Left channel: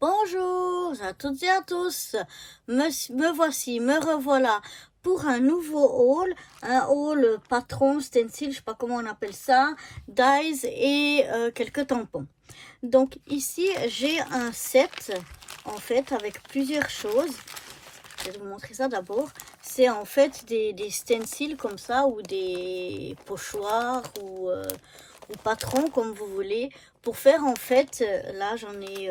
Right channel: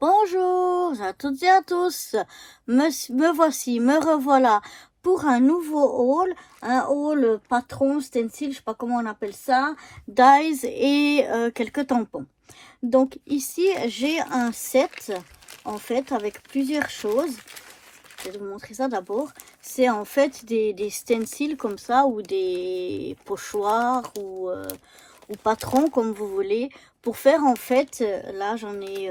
Bonjour à toutes et à tous, me revoilà pour un nouveau haul, un haul patron, stencil, je sais pas comment on appelle ça, dies et quelques tampons. Donc ici j'ai un set en fait avec plusieurs choses. Je vais vous montrer ça d'abord. C'est en fait des stencils comme ça ou des pochoirs ou patrons comme vous voulez, pour faire en fait, là j'en ai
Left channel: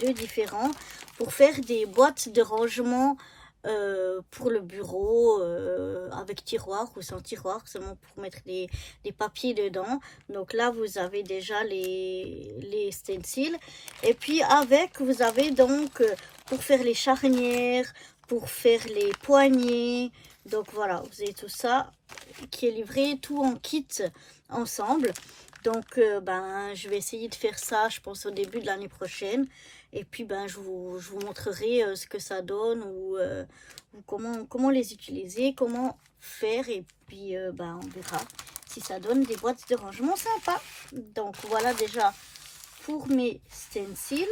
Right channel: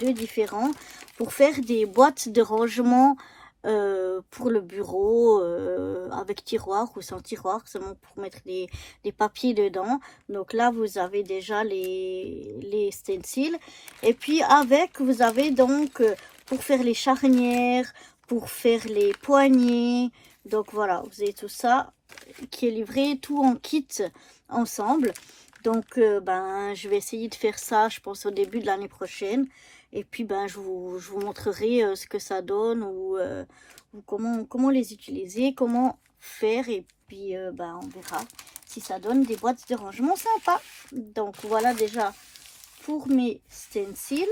deux différents, pour faire des boîtes de rangement pour le bureau, avec tiroir ou sans tiroir, seulement pour mettre des papiers dedans. Donc là vous avez déjà les stencils, et puis avec vous avez donc pour faire les charnières, pour faire les poignées. Donc voilà, vous avez tout ça qui est livré, tout en kit ensemble. Donc je vais essayer de faire ça, je pense, au début de l'année prochaine. Et puis je vous montrerai ce que ça donne ou comment les utiliser, comment faire. Et puis on verra si ça donne des boîtes de rangement sympa. Donc voilà déjà pour mes stencils.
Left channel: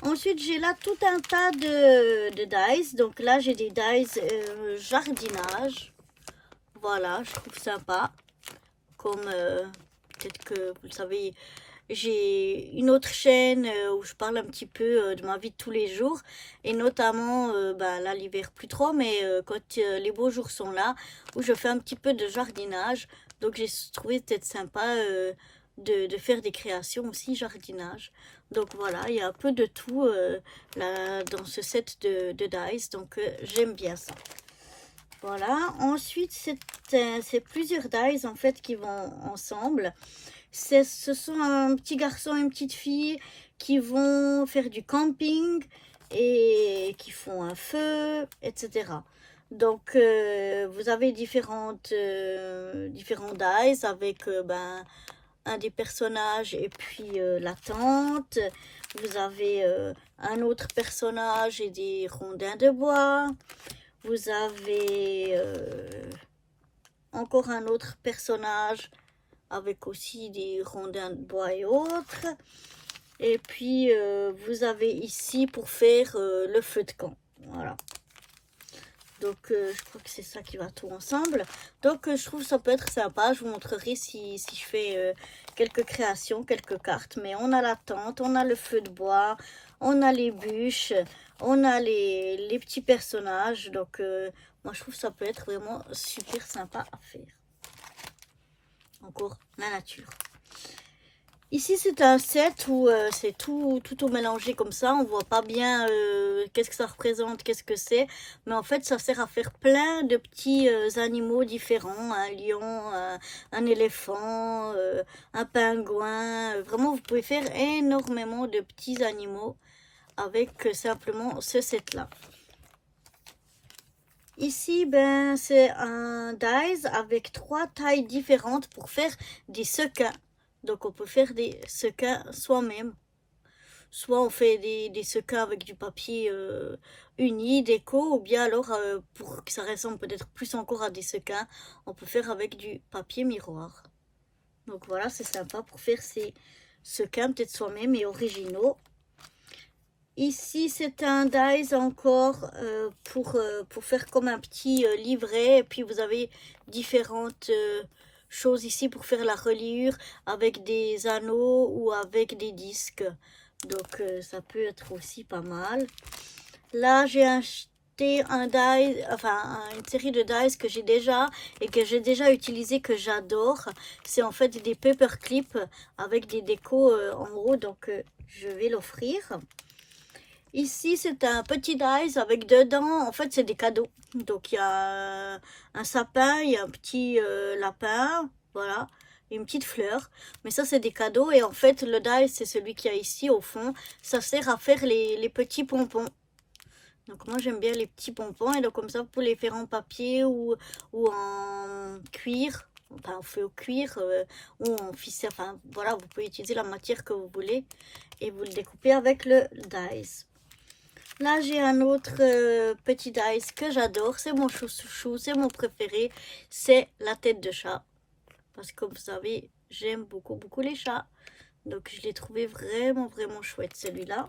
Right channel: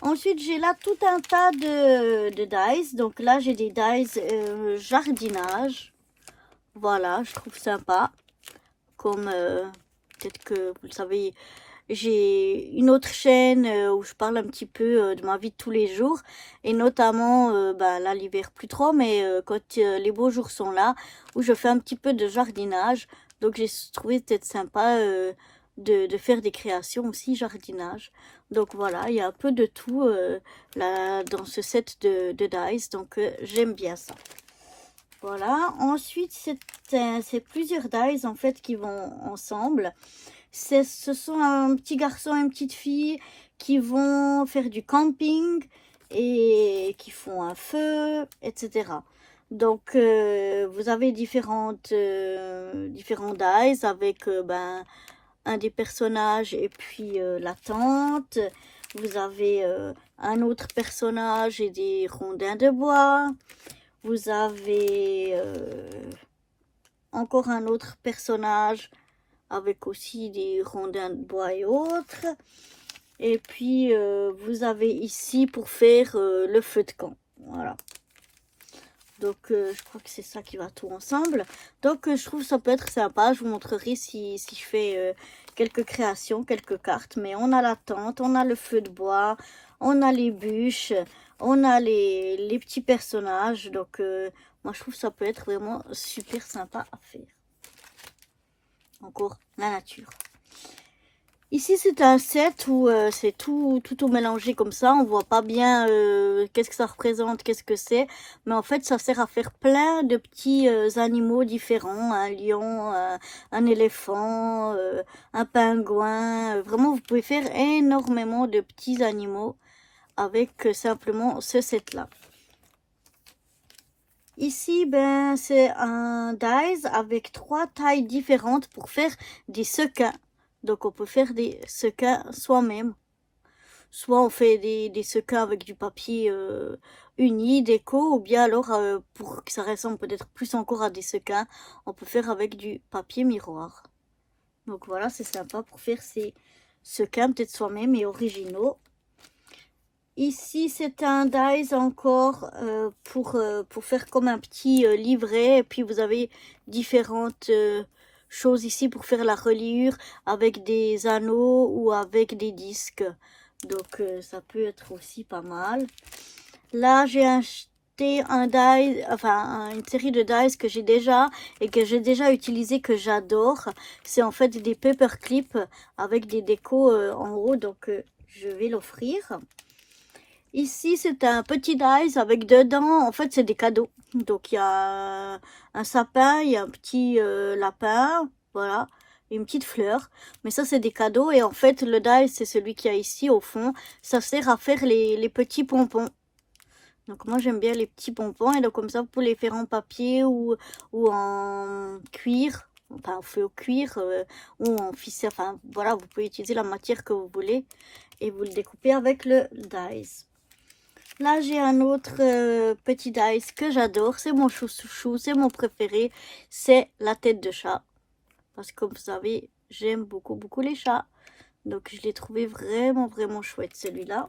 Ensuite, j'ai là tout un tas de dies. Donc là, j'ai des dies jardinage. Voilà, je trouve sympa. Comme peut-être que vous le savez, j'ai une autre chaîne où je parle un petit peu de ma vie de tous les jours. Et notamment, là, l'hiver plus trop, mais quand les beaux jours sont là, où je fais un petit peu de jardinage. Donc j'ai trouvé peut-être sympa de faire des créations aussi jardinage. Donc voilà, il y a un peu de tout là, dans ce set de dies, donc j'aime bien ça. Voilà, ensuite c'est plusieurs dies en fait qui vont ensemble. Ce sont un petit garçon et une petite fille qui vont faire du camping et qui font un feu, etc. Donc vous avez différents dies avec un des personnages et puis la tante. Vous avez un autre personnage et des rondins de bois. Vous avez encore un autre personnage avec aussi des rondins de bois et autres. Et puis vous avez ici pour faire le feu de camp. Voilà. Donc je crois que c'est ça qui va tout ensemble. Donc je trouve que ça peut être sympa. Je vous montrerai si je fais quelques créations, quelques cartes. Mais on a la tente, on a le feu de bois, on a les bûches, on a les petits personnages. Donc moi je trouve que ça peut être vraiment super sympa à faire. Encore la nature. Ici, c'est un set où c'est tout mélangé comme ça. On voit pas bien qu'est-ce que ça représente, qu'est-ce que c'est. Mais en fait, ça sert à faire plein de petits animaux différents. Un lion, un éléphant, un pingouin. Vraiment, vous pouvez faire énormément de petits animaux avec simplement ce set-là. Ici, c'est un dies avec 3 tailles différentes pour faire des sequins. Donc, on peut faire des sequins soi-même. Soit on fait des sequins avec du papier uni, déco, ou bien alors, pour que ça ressemble peut-être plus encore à des sequins, on peut faire avec du papier miroir. Donc voilà, c'est sympa pour faire ces sequins peut-être soi-même et originaux. Ici, c'est un dies encore pour faire comme un petit livret. Et puis, vous avez différentes choses ici pour faire la reliure avec des anneaux ou avec des disques. Donc, ça peut être aussi pas mal. Là, j'ai acheté un die, enfin, une série de dies que j'ai déjà et que j'ai déjà utilisé, que j'adore. C'est en fait des paperclips avec des décos en haut. Donc, je vais l'offrir. Ici, c'est un petit dies avec dedans, en fait, c'est des cadeaux. Donc, il y a un sapin, il y a un petit lapin, voilà, et une petite fleur. Mais ça, c'est des cadeaux. Et en fait, le dies, c'est celui qu'il y a ici, au fond. Ça sert à faire les petits pompons. Donc, moi, j'aime bien les petits pompons. Et donc, comme ça, vous pouvez les faire en papier ou en cuir. Enfin, on fait au cuir ou en ficelle. Enfin, voilà, vous pouvez utiliser la matière que vous voulez. Et vous le découpez avec le dies. Là, j'ai un autre petit dice que j'adore. C'est mon chouchou, c'est mon préféré. C'est la tête de chat. Parce que comme vous savez, j'aime beaucoup les chats. Donc je l'ai trouvé vraiment chouette celui-là.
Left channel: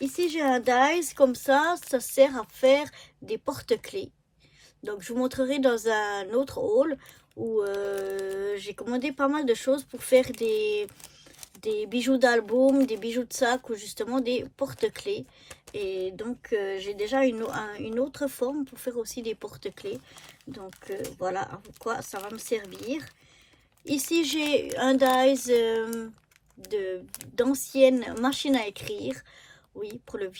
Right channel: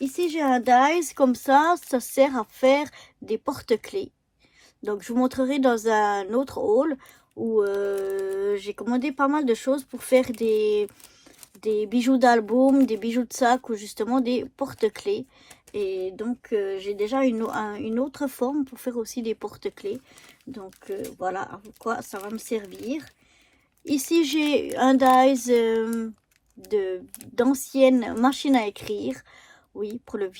Ici j'ai un dies comme ça sert à faire des porte-clés. Donc je vous montrerai dans un autre haul où j'ai commandé pas mal de choses pour faire des bijoux d'album, des bijoux de sac ou justement des porte-clés. Et donc j'ai déjà une autre forme pour faire aussi des porte-clés. Donc voilà à quoi ça va me servir. Ici j'ai un dies d'anciennes machines à écrire. Oui, pour le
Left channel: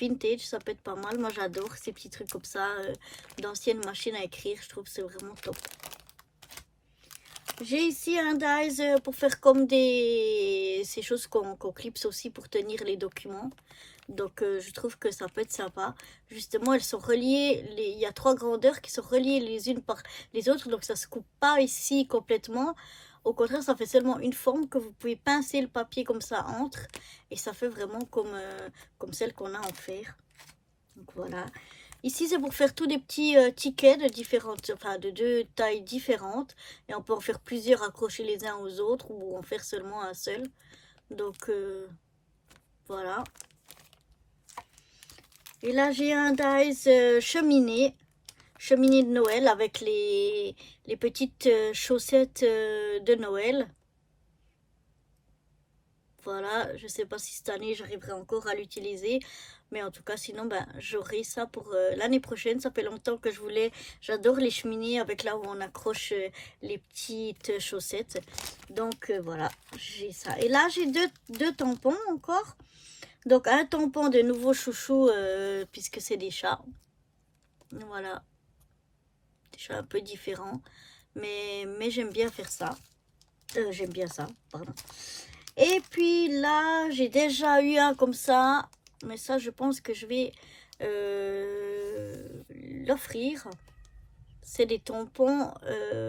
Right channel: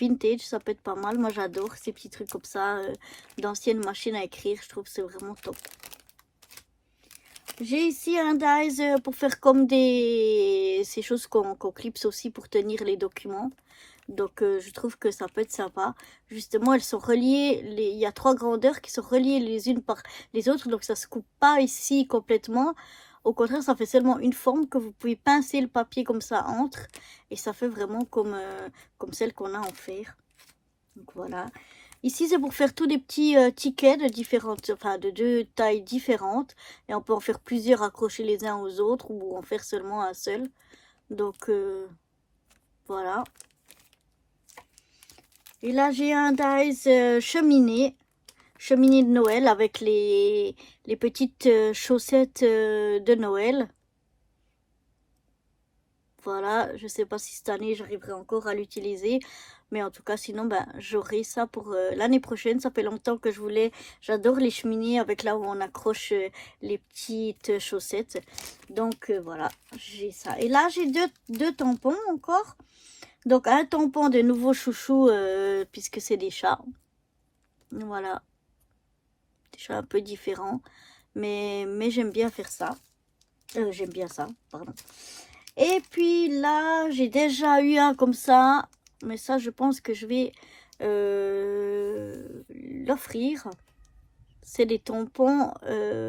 vintage, ça peut être pas mal. Moi, j'adore ces petits trucs comme ça, d'anciennes machines à écrire. Je trouve que c'est vraiment top. J'ai ici un dies pour faire comme ces choses qu'on clipse aussi pour tenir les documents. Donc, je trouve que ça peut être sympa. Justement, elles sont reliées. Il y a 3 grandeurs qui sont reliées les unes par les autres. Donc, ça ne se coupe pas ici complètement. Au contraire, ça fait seulement une forme que vous pouvez pincer le papier comme ça entre. Et ça fait vraiment comme celle qu'on a en fer. Donc, voilà. Ici, c'est pour faire tous des petits tickets de différentes, enfin de 2 tailles différentes. Et on peut en faire plusieurs accrochés les uns aux autres ou en faire seulement un seul. Donc, voilà. Et là, j'ai un dies cheminée de Noël avec les petites chaussettes de Noël. Voilà, je sais pas si cette année j'arriverai encore à l'utiliser. Mais en tout cas, sinon, ben, j'aurai ça pour l'année prochaine. Ça fait longtemps que je voulais. J'adore les cheminées avec là où on accroche les petites chaussettes. Donc, voilà, j'ai ça. Et là, j'ai deux tampons encore. Donc, un tampon de nouveau chouchou, puisque c'est des chats. Voilà. Des chats un peu différents. Mais j'aime bien faire ça. J'aime bien ça, pardon. Et puis là, j'ai déjà eu un comme ça. Mais ça, je pense que je vais l'offrir. C'est des tampons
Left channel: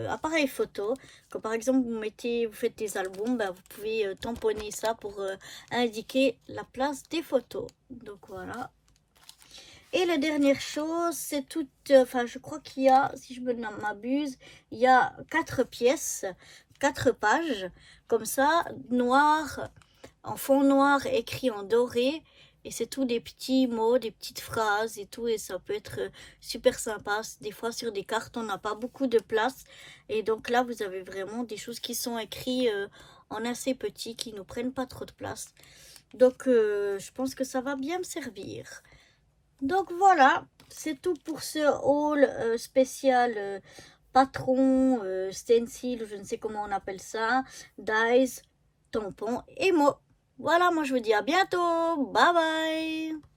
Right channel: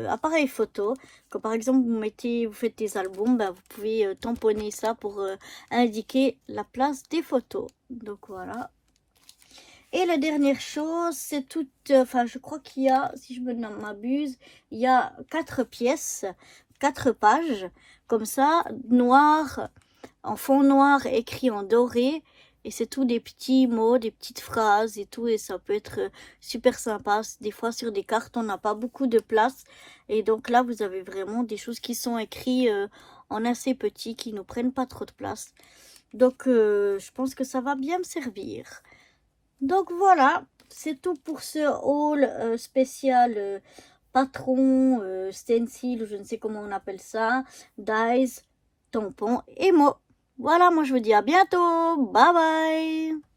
appareil photo. Comme par exemple, vous faites des albums, ben, vous pouvez tamponner ça pour indiquer la place des photos. Donc voilà. Et la dernière chose, c'est toute, enfin je crois qu'il y a, si je me m'abuse, il y a 4 pièces, 4 pages, comme ça, noir, en fond noir, écrit en doré. Et c'est tout des petits mots, des petites phrases et tout. Et ça peut être super sympa. Des fois sur des cartes, on n'a pas beaucoup de place. Et donc là, vous avez vraiment des choses qui sont écrites en assez petit, qui ne prennent pas trop de place. Donc je pense que ça va bien me servir. Donc voilà, c'est tout pour ce haul spécial patron, stencil, je ne sais comment on appelle ça, dies, tampon et mots. Voilà, moi je vous dis à bientôt, bye bye.